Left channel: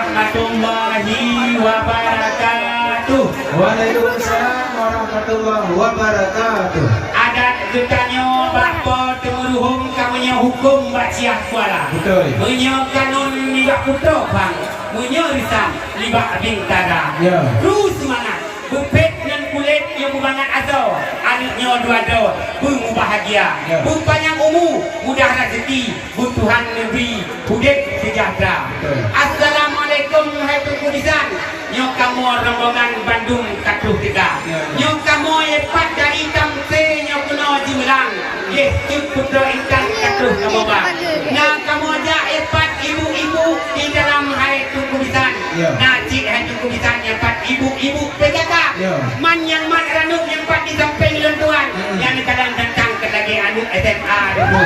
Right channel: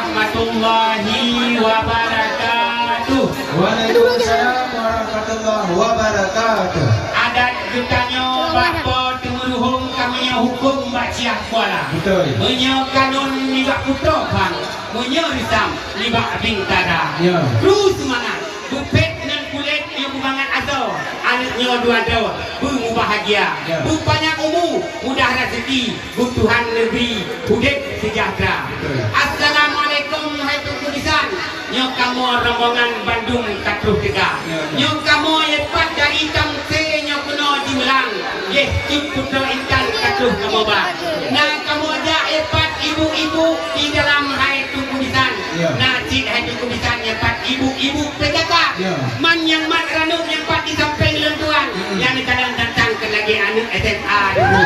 warahmatullahi wabarakatuh. Waalaikumsalam warahmatullahi wabarakatuh. Adat bertanya bakpo temuruhum kamunya hukum baciah kuala. Betul. Menyo kanun libak putra bang. Menyo risam libak bintara. Ya. Terus semangat. Bupet dan kulit yang bubangan azal. Anaknya dua do. Bungu bahagia. Ya. Bupanyak umur. Mudah rezeki. Butuhan negeri. Hudip sejahtera. Betul. Assalamualaikum hai Tunku Lisan. Nyok kamu rombongan Bandung Katuh Tiga. Ya. Nyok kamu yepat dari Tamse nyok kena Jimelang. Ye cip putra intan Katuh kamu ba. Nah kamu ajak yepat ibu-ibu di dalam hai Tunku Lisan. Ya. Nah cik hai Tunku Lisan yepat ibu-ibu penjaga. Ya. Man yang mat ranuk yang pat di samping lentuan. Yang kadang datang ke lagi anak SMA dulu.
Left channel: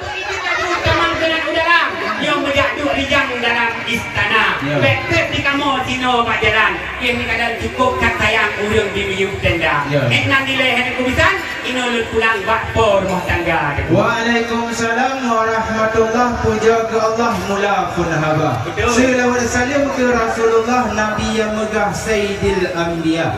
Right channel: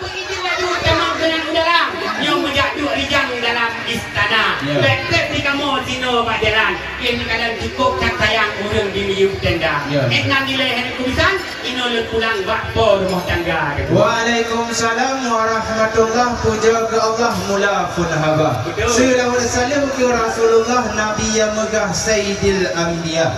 Begitulah dulu tamang dengan udara yang berjadu rijang dalam istana. Ya. Bekep di kamu Cino Majalan. Ini kadang cukup tak sayang urang di miyuk tenda. Ya. Nang nilai hari kubisan, ino lut pulang bakpo rumah tangga. Waalaikumsalam warahmatullahi puja ke Allah mula pun haba. Betul. Salawat salam ke Rasulullah Nabi yang megah Sayyidil Anbiya.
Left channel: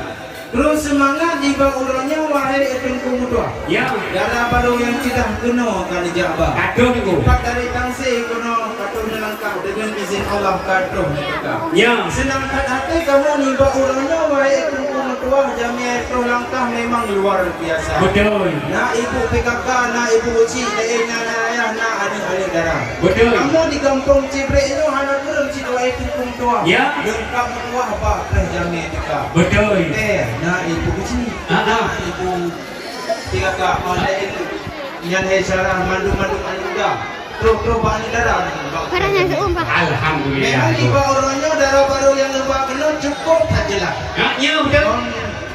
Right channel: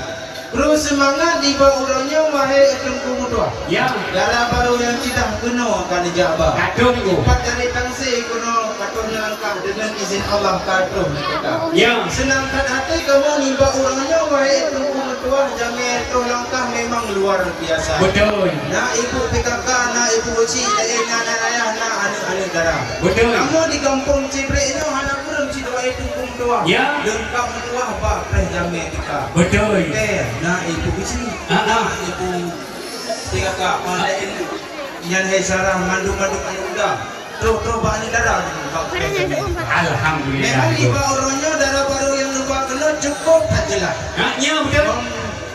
Terus semangat di bawahnya wahai Tengku Mutua. Ya. Darah baru yang tidak kena kan jabah. Katuh tu. Empat dari tangsi kena katuh langkah dengan izin Allah katuh kita. Ya. Senangkan hati kamu ni bawahnya wahai Tengku Mutua jamir tu langkah memang luar biasa. Betul. Nak ibu PKK, nak ibu uci, nak ayah, nak anak-anak darah. Betul. Kamu di kampung Cibrek itu anak belum si dua itu tua. Ya. Lengkap tua apa? Pernah jamir kita. Betul. Nak ibu uci, Ah. nak ibu PKK, mana itu? Yang hesarah mandu-mandu muda. Terus banyak darah. Alhamdulillah. Memang ibu orangnya darah baru yang lupa kena cukup sajalah. Ya betul.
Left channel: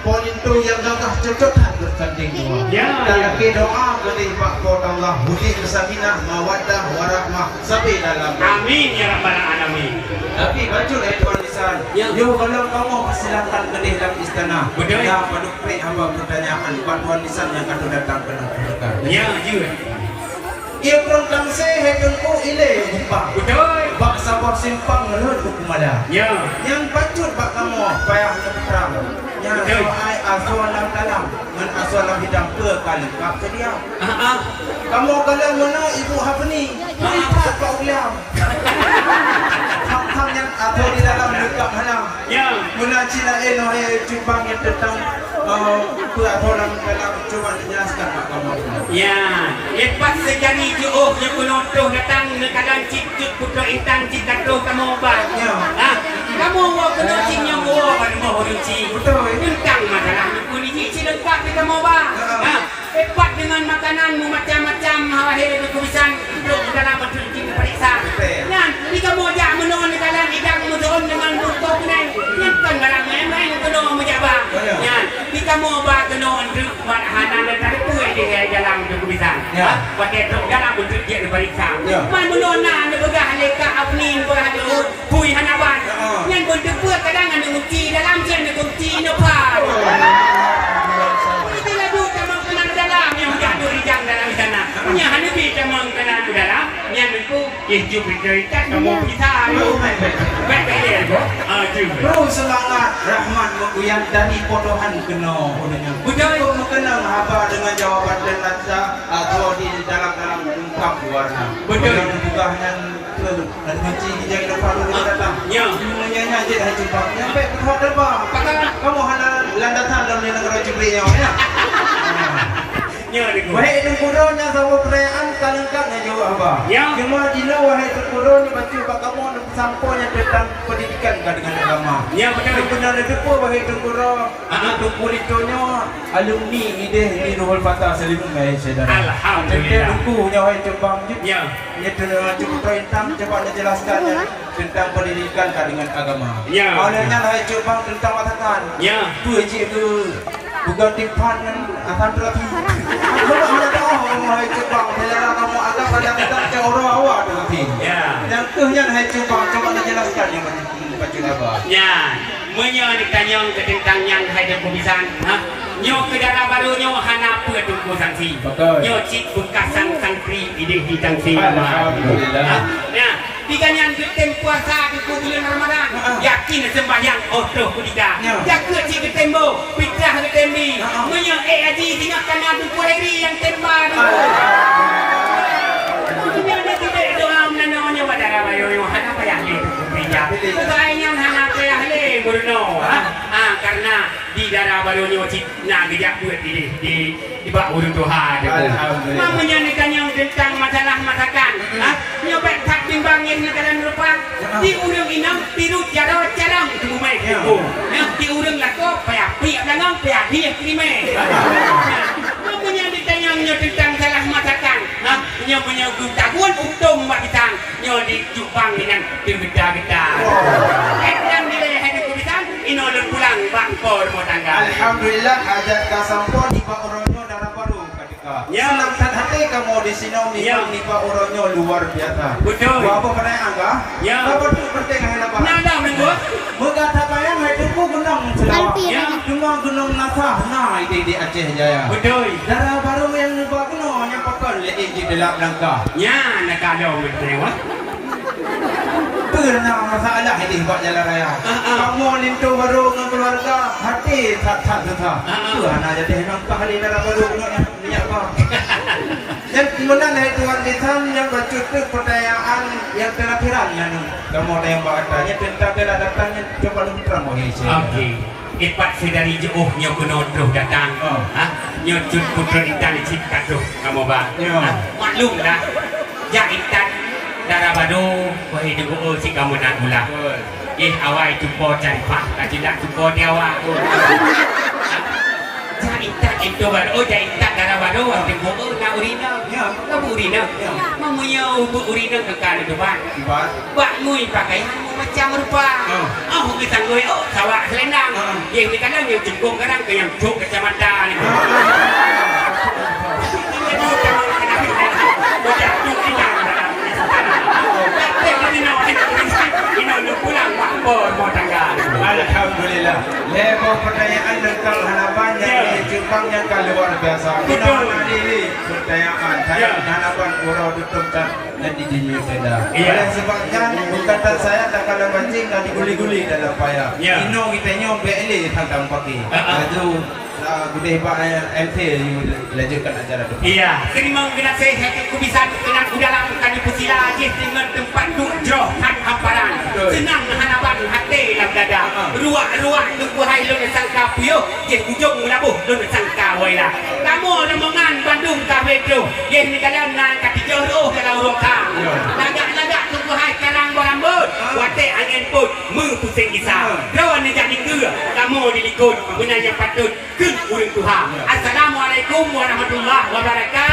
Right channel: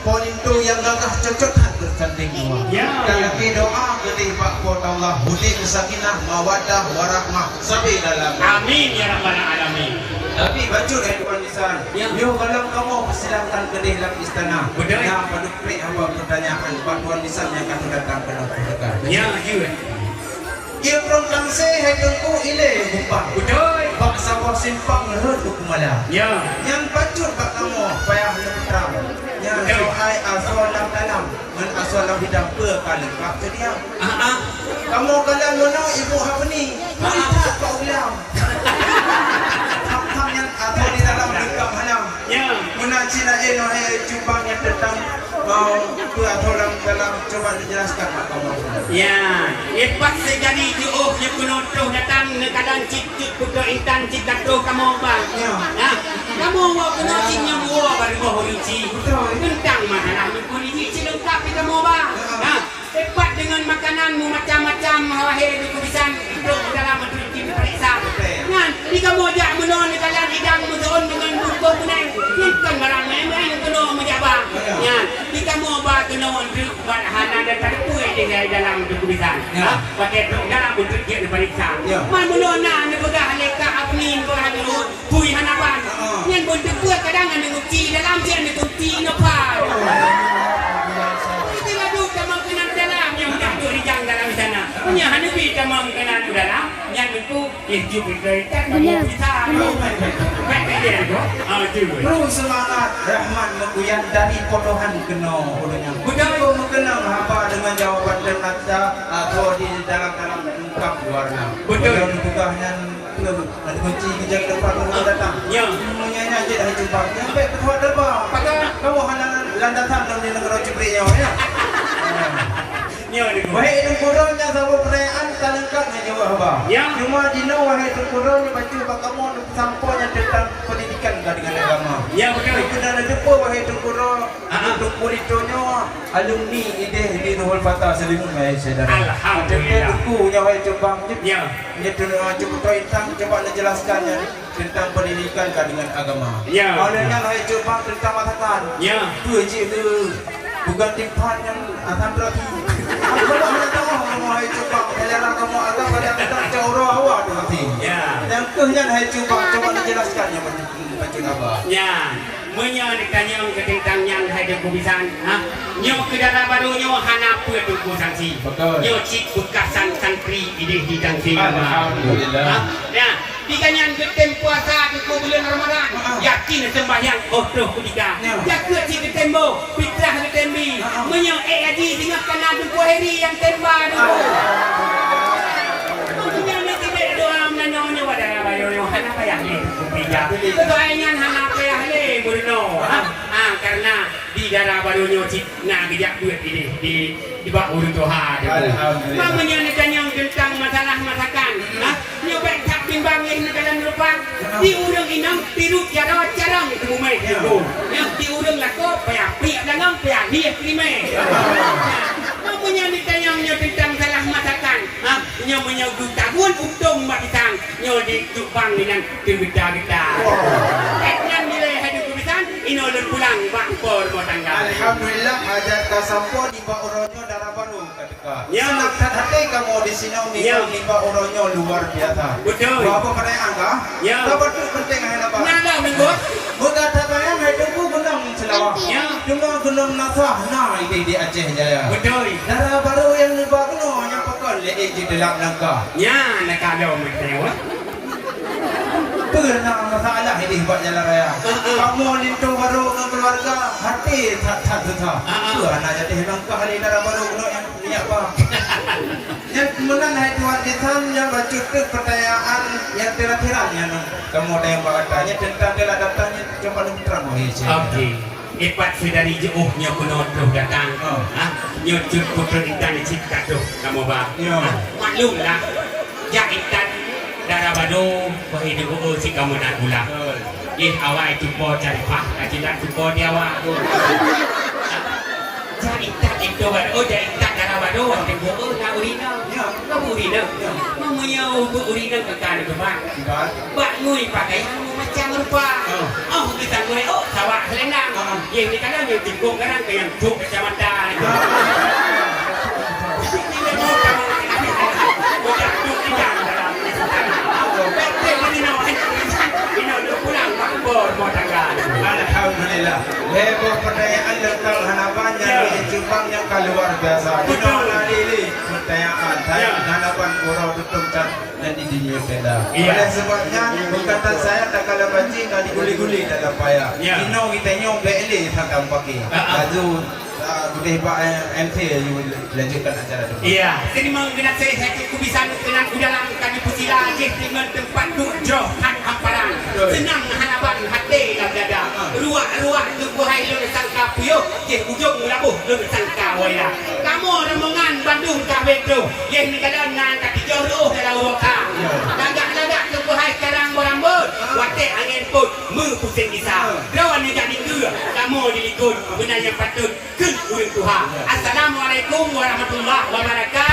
Poin tu yang gagah cocok tak bersanding. Ya. Dan lagi doa kepada Pak Pol Allah Hudi kesakinah mawaddah warahmah sampai dalam. Amin ya rabbal alamin. Tapi baju dari Tuan Lisan. Ya. Dia kalau kamu persilakan ke dalam istana. Betul. Yang pada klik hamba pertanyaan Pak Tuan Lisan yang akan datang ke mereka. Ya ya. Ia perang saya hekengku ile jumpa. Betul. Pak sabab simpang menurut kumala. Ya. Yang baju Pak kamu payah lepas. Yang Betul. soal asal dalam dengan asal bidang ke kali Pak ke dia. Kamu kalau mana ibu apa ni? Tak Pak ulang. Hak yang apa di dalam dekat halang. Ya. Guna Cina cuba yang tentang ke orang dalam coba dijelaskan Pak kamu. Ya, lepas sejari jauh je penonton datang kadang cikut putra intan cikatuh kamu bang. Ya. Ha? Kamu awak kena cing yang buah pada bawah ruci. Betul. Tentang masalah itu ni cik lengkap di kamu bang. Ha? Lepas dengan makananmu macam-macam wahai tulisan duduk dalam mencuci periksa. Kan, di kamu ajak menon di dalam hidang mudaun dengan buku kuning. Bukan barang memang yang kena menjabang. Kan, di kamu bah kena untuk hanan dan tak puai di dalam tulisan. Ya. Pada dalam bentuk dia diperiksa. Ya. Man menon nak bergah leka apnin bergah jurut. Pui hanaban. Yang bentuk buat kadang ada kunci dalam dia ada kunci nopar. Kita ladu kamang kenan dalam yang jadu rijang dalam sana. Punya hanabi kamang kenan dalam yang itu hidup cerita kamu kita. Baik dia tu. Tu. Terus semangat Rahman mengguyang dari podohan kena. Betul. Kau mengenang haba dengan jawaban dan nada atau di dalam lengkap warna. Betul. Dan juga yang dan kunci kita depan kita datang. Ya. Menyanyi aja dah jumpa. Sampai kedua depan. Pakar. Kamu hanya landasan dalam negara Cibrek yang ya. Ya dia. Wahai tengkurun yang sama perayaan talingkap yang jawab haba. Ya. Cuma dina wahai tengkurun ni baca bak kamu ada sampainya tentang pendidikan dengan agama. Ya betul. Benar depo bagi tengkurun. Ada kurikulumnya alumni ide di Ruhul Fatah Salimul Malaysia. Alhamdulillah. Buku yang wahai terbang. Ya. Ini cuba tentang coba jelaskannya tentang pendidikan dengan agama. Ya. Olehnya wahai coba tentang watakan. Ya. Tu je tu bukan timpan yang akan terapi. Kalau ada tahu wahai coba melera kamu agak kadang-kadang orang awak terapi. Ya. Yang tuhnya wahai coba dijelaskan yang baca apa. Ya. Menyo dikanyong ke tentang yang ada kubisan, ha? Nyo ke darah baru nyo hana apa tu ku sangsi. Betul. Nyo cik bekasan santri idih di sangsi. Alhamdulillah. Ha? Ya. di kanyan getem puasa ke bulan Ramadan. Yakin sembahyang otoh kudika. Ya ke cik getembo, fitrah getembi. Menya aji tengah kana du kuheri yang temba dulu. Mungkin ni tidak doa menanonya wadara bayo hana payah le. Doanya hana payah le Bruno. Karena di darah barunya nak gejak duit di bak urut Tuhan. Mamanya ni kanyang tentang masalah masakan. Nyobek tak timbangin negara lupa. Di urang inam tirut jarang itu bumai. Di urang lako payah piak langam payah dia krime. Mamanya ditanyangnya tentang salah masakan. Nyo menyebut tabuan untung mak ditang. Nyo di Jepang dengan kita. Yang nilai hidup kubisan inolun pulang bangkor mau tangga. Alhamdulillah hajat kasampun di Pak Uronyo darah baru ketika. Ya. Senang hati kamu di sini di Pak Uronyo luar biasa. Betul. Apa pada angka? Ya. Apa tu penting apa? Nyala minggu. Mengatakan yang hidupku gunung selawat. Ya. Dengan gunung Nasah. Nah ini di Aceh Jaya. Betul. Darah baru yang luar gunung yang pokok di dalam langkah. Ya, nak ada betul. Pernah masalah ini buat jalan raya. Kamu lintu baru dengan keluarga hati tak tetap. Tuhan aja deh memang kali darah baru ni apa? Yang kemudian itu warisan yang bercukup percayaan yang terakhir yang kamu ada yang bertanya tentang datangnya coba terang mohon. Okey. Epat sedari jauh nyo kunodoh datang. Nyo cut putra intan cipta tu kamu ba. Maklumlah. Jak intan darah badu berhidup si kamu nak gula. Awal jumpa cari pak, tidak jumpa dia awak. Jadi tak itu baru, jadi tak darah badu, tengok nak urina, nak urina, mamanya urina kekal itu bang. Bak ngui pakai macam rupa. Kita ngui, sawak selendang. Yang ni kadang yang jengkung kadang yang cuk kecamatan. Alhamdulillah. Lepas pertanyaan tentang harapan yang jumlahnya luar biasa. Kita mengadili pertanyaan saya harapan Pura Dutung dan di dunia kita. Oleh sebabnya bukan saya tak kalah mancing dan diguli-guli dalam payah. Ino kita nyom beli tentang pagi. Aju gede hebat MT yang lanjutkan acara itu. Iya, terima kasih saya kubisan dengan udalang kami pusila dengan tempat duduk dan hamparan. Senang hanapan hati dalam dada. Ruak-ruak tubuh hai lu sangka pio, je ujung labuh lu sangka waila. Kamu rombongan Bandung Cafe tu, je negara nang kaki jauh kalau rokang. Lagak-lagak tubuh hai sekarang merambut, wate angin pun pusing kisah. Rawan jadi ke, kamu dilikun benar yang patut. Urang Tuhan. Assalamualaikum warahmatullahi wabarakatuh.